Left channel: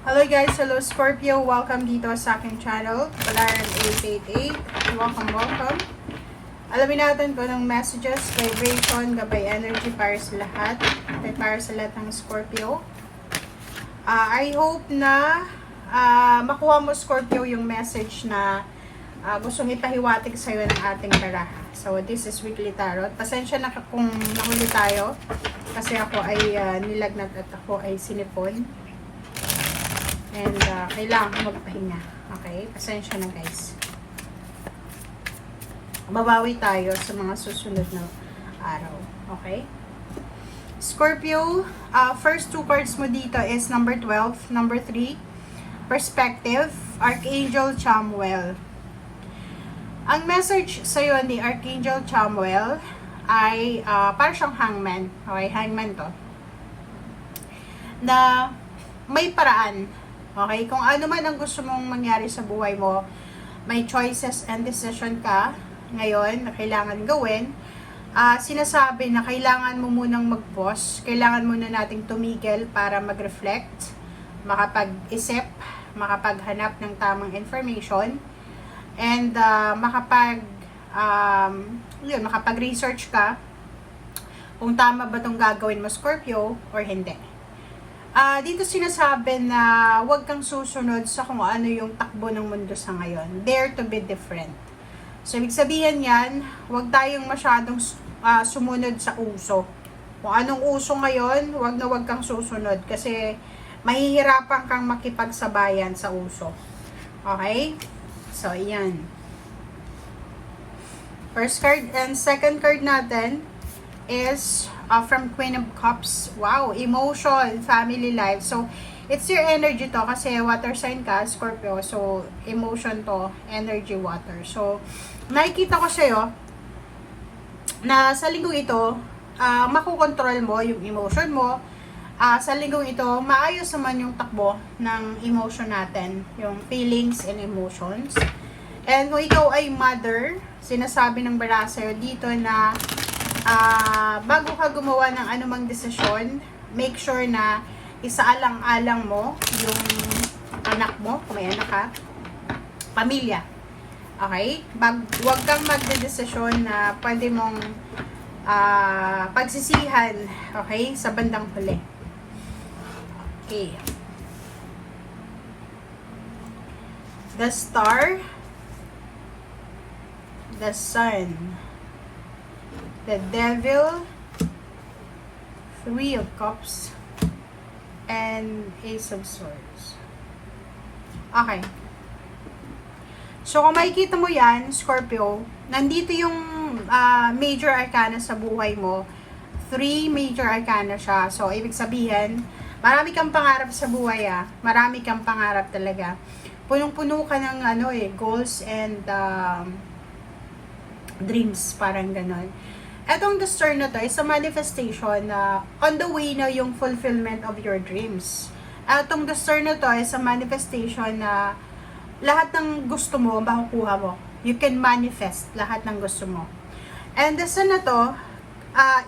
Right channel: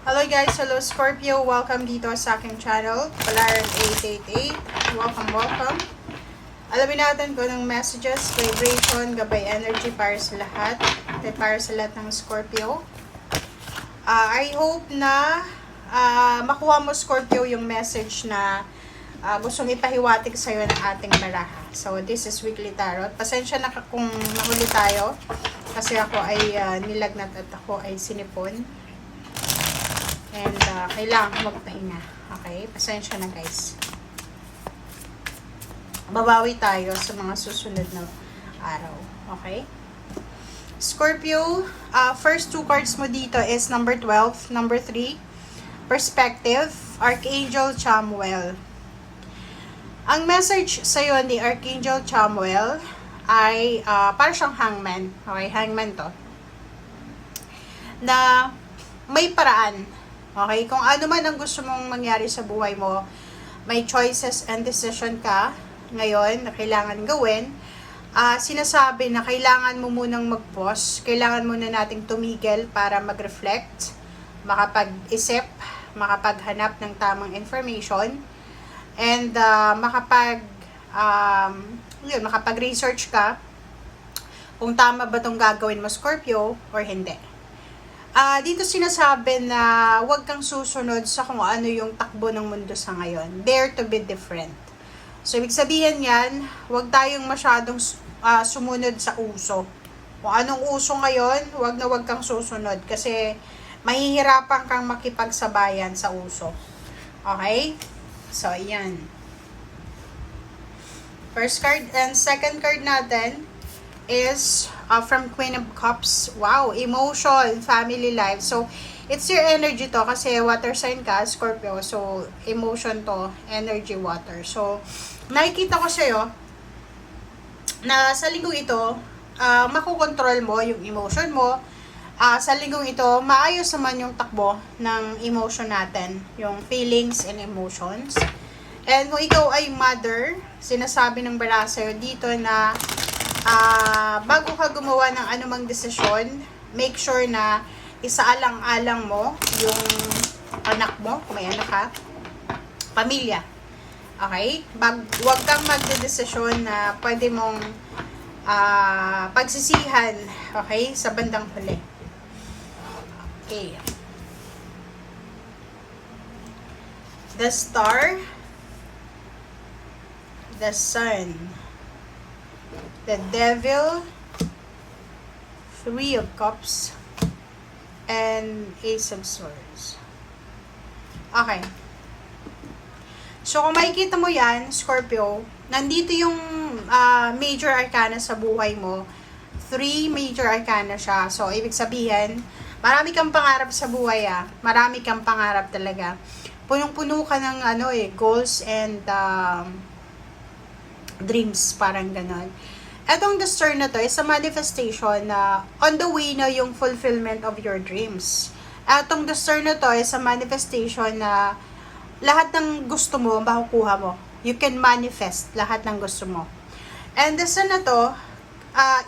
Hello guys, hello Scorpio, welcome dito sa aking channel, Palaran 888. Welcome. Alamin natin kung anong messages, vibration, gabay energy para sa lahat, ng Scorpio. I hope na makuha mo Scorpio yung message na gustong ipahiwatig sa'yo ng ating baraha. So this is weekly tarot. Pasensya na kung nahuli tayo kasi ako ay nilagnat at ako ay sinipon. And kailangan ko magpahinga. Okay? Pasensya na guys. Babawi tayo sa mga susunod na araw. Okay? Scorpio, first two cards mo dito is number 12, number 3, Perspective, Archangel Chamuel. Ang message sa'yo ni Archangel Chamuel ay para siyang hangman. Okay? Hangman to. Na may paraan. Okay, kung ano man ang gusto mong mangyari sa buhay mo, may choices and decision ka ngayon na kailangan gawin. Sinasabi na kailangan mo munang mag-pause, kailangan muna nating tumigil para mag-reflect, makapag-isip, makapaghanap ng tamang information, and makapag-research ka kung tama ba itong gagawin mo, Scorpio, or hindi. Dito sinasabi na huwag kang susunod sa kung ano yung takbo ng mundo sa ngayon. Dare to be different. So, ibig sabihin yan, huwag tayong masyadong sumunod sa uso. Kung anong uso ngayon, huwag kang susunod kasi mahihirapan kang makipagsabayan sa uso. Okay? So, ayan. First card and second card natin is from Queen of Cups. Wow, emotion, family life. So, it's your energy to kasi water sign ka, Scorpio. So, emotion to, energy, water. So, nakikita ko sa'yo na sa linggong ito, makukontrol mo yung emotion mo. Sa linggong ito, maayos naman yung takbo ng emotion natin, yung feelings and emotions. And kung ikaw ay mother, sinasabi ng bara sa'yo dito na bago ka gumawa ng anumang desisyon, make sure na isaalang-alang mo yung anak mo, kung may anak ka, pamilya. Okay? Huwag kang magdedesisyon na pwede mong pagsisihan, okay, sa bandang huli. Okay. The Star, the Sun, the Devil, Three of Cups, and Ace of Swords. Okay. So, kung makikita mo yan, Scorpio, nandito yung major arcana sa buhay mo. 3 major arcana siya. So, ibig sabihin, marami kang pangarap sa buhay, Marami kang pangarap talaga. Punong-puno ka ng goals and dreams, parang ganon. Etong the Star na to is a manifestation na on the way na yung fulfillment of your dreams. Etong the Star na to is a manifestation na lahat ng gusto mo, makukuha mo. You can manifest lahat ng gusto mo. And the Sun na to,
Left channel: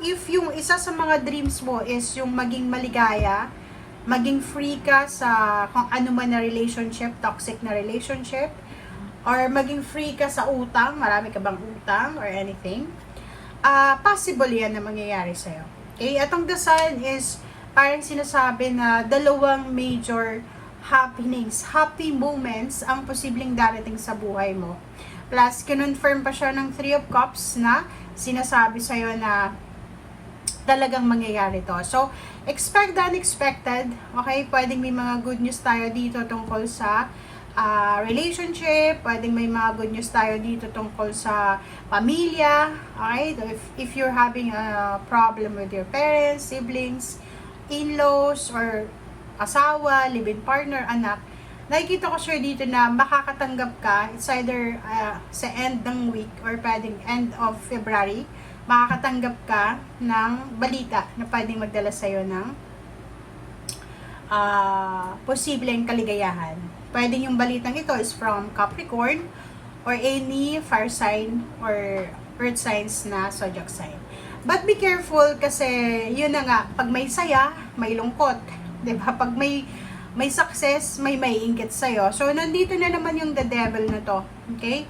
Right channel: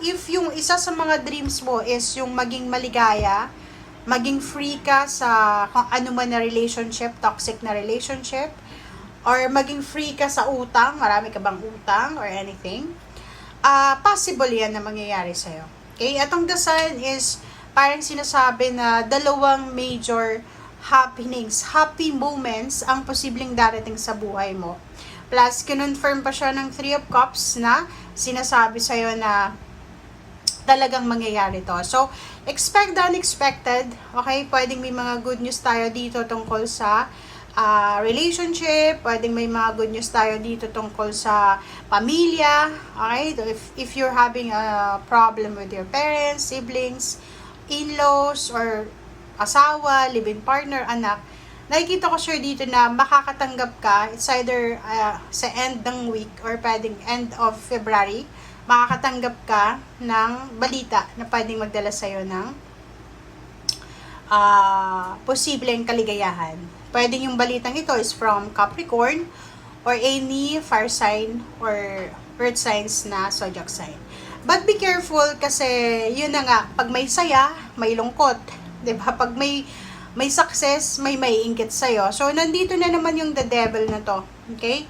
if yung isa sa mga dreams mo is yung maging maligaya, maging free ka sa kung ano man na relationship, toxic na relationship, or maging free ka sa utang, marami ka bang utang or anything, possible yan na mangyayari sa'yo. Okay? Atong the Sun is parang sinasabi na dalawang major happenings, happy moments ang posibleng darating sa buhay mo. Plus, kinonfirm pa siya ng 3 of Cups na sinasabi sa'yo na talagang mangyayari to. So, expect the unexpected. Okay? Pwedeng may mga good news tayo dito tungkol sa relationship, pwedeng may mga good news tayo dito tungkol sa pamilya, okay? If you're having a problem with your parents, siblings, in-laws, or asawa, live-in partner, anak, nakikita ko sure dito na makakatanggap ka, it's either sa end ng week or pwedeng end of February, makakatanggap ka ng balita na pwedeng magdala sa'yo ng posibleng kaligayahan. Pwedeng yung balitang ito is from Capricorn or any fire sign or earth signs na zodiac sign. But be careful kasi yun na nga, pag may saya, may lungkot. 'Di ba? Pag may may success, may maiinggit sa'yo. So, nandito na naman yung the devil na to. Okay?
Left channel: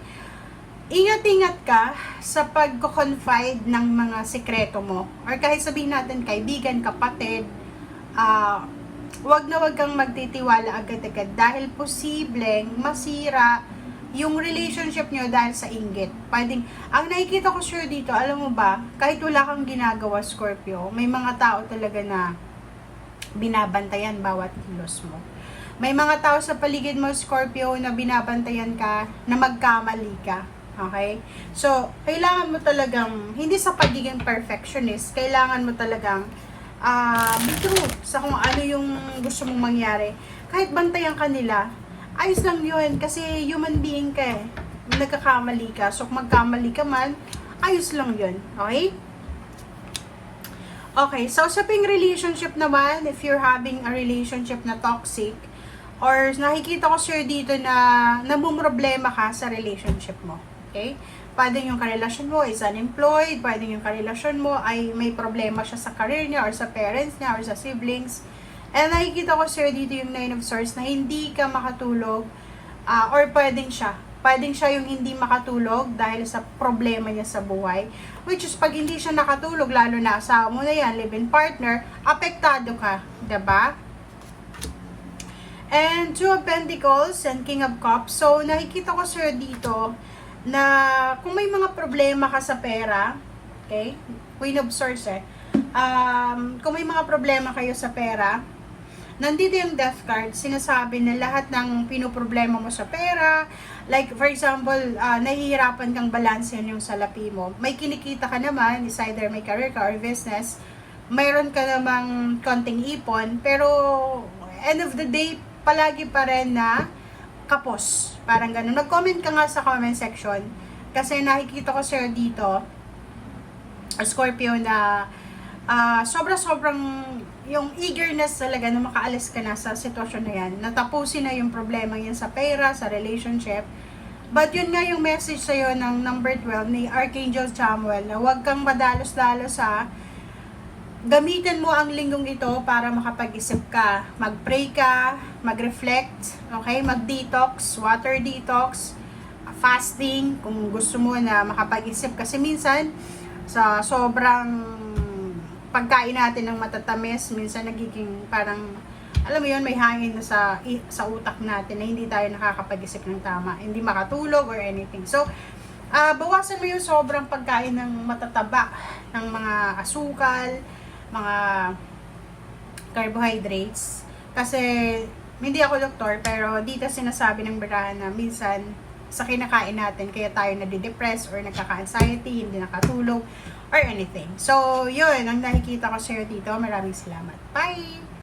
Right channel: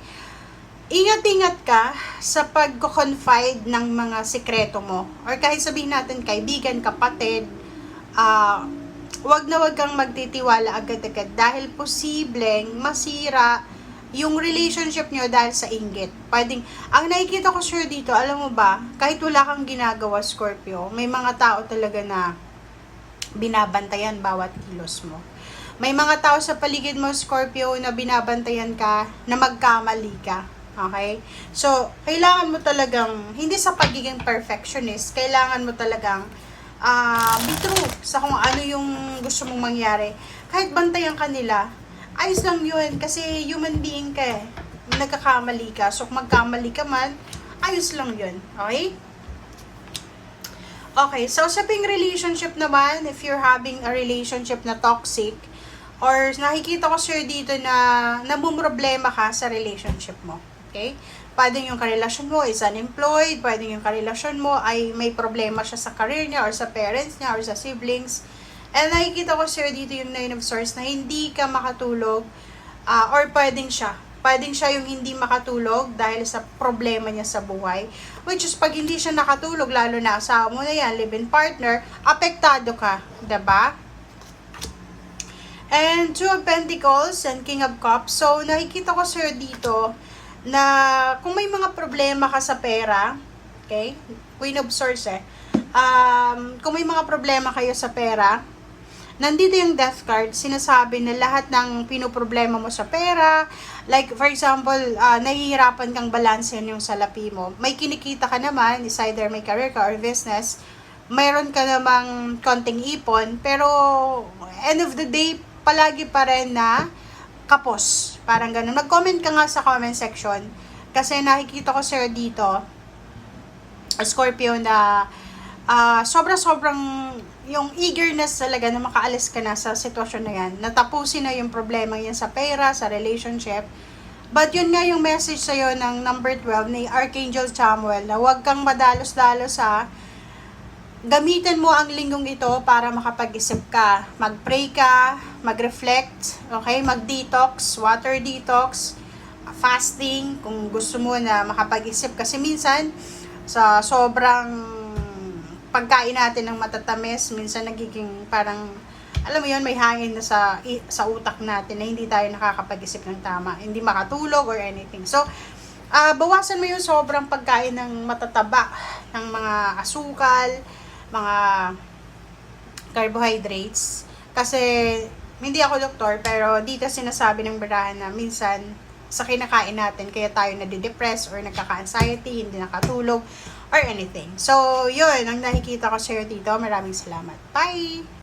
Ingat-ingat ka sa pag-confide ng mga sekreto mo. Or kahit sabihin natin, kaibigan, kapatid, wag na wag kang magtitiwala agad-agad dahil posibleng masira yung relationship nyo dahil sa inggit. Pwedeng, ang nakikita ko sure dito, alam mo ba, kahit wala kang ginagawa, Scorpio, may mga tao talaga na binabantayan bawat kilos mo. May mga tao sa paligid mo, Scorpio, na binabantayan ka, na magkamali ka. Okay? So, kailangan mo talagang, hindi sa pagiging perfectionist, kailangan mo talagang be true sa kung ano yung gusto mong mangyari. Kahit bantayan ka nila, ayos lang yun, kasi human being ka eh. Nagkakamali ka, so kung magkamali ka man, ayos lang yun. Okay? Okay, so sa ping relationship naman, if you're having a relationship na toxic, or nakikita ko sir dito na namumroblema ka sa relationship mo. Okay? Pwede yung karelasyon mo is unemployed, pwede yung karelasyon mo ay may problema siya sa career niya, or sa parents niya, or sa siblings. And nakikita ko sir dito yung 9 of Swords na hindi ka makatulog, or pwedeng siya yung hindi makatulog dahil sa problema niya sa buhay. Which is, pag hindi siya nakatulog, lalo na asawa mo na yan, live-in partner, apektado ka, diba? And 2 of Pentacles and King of Cups. So, nakikita ko sir dito na kung may mga problema ka sa pera, okay? Queen of Swords kung may mga problema kayo sa pera, nandito yung Death card, sinasabi na lahat ng pinoproblema mo sa pera, like for example, nahihirapan kang balansehin yung salapi mo. May kinikita ka naman, is either may career ka or business, mayroon ka namang konting ipon, pero end of the day, palagi pa rin na kapos. Parang ganun. Nag-comment ka nga sa comment section, kasi nakikita ko sir dito, Scorpio, na sobrang yung eagerness talaga na makaalis ka na sa sitwasyon na yan, natapusin na yung problema yan sa pera, sa relationship. But yun nga yung message sa'yo ng number 12 ni Archangel Chamuel, na huwag kang madalos-dalos gamitin mo ang linggong ito para makapag-isip ka, mag-pray ka, mag-reflect, okay, mag-detox, water detox, fasting kung gusto mo na makapag-isip, kasi minsan sa sobrang pagkain natin ng matatamis, minsan nagiging parang, alam mo yun, may hangin na sa utak natin na hindi tayo nakakapag-isip ng tama, hindi makatulog or anything. So, bawasan mo yung sobrang pagkain ng matataba, ng mga asukal, mga carbohydrates. Kasi, hindi ako doktor, pero dito sinasabi ng barahan na minsan, sa kinakain natin, kaya tayo nadidepress or nagkaka-anxiety, hindi nakatulog, or anything. So, yun, ang nakikita ko sa'yo dito. Maraming salamat. Bye!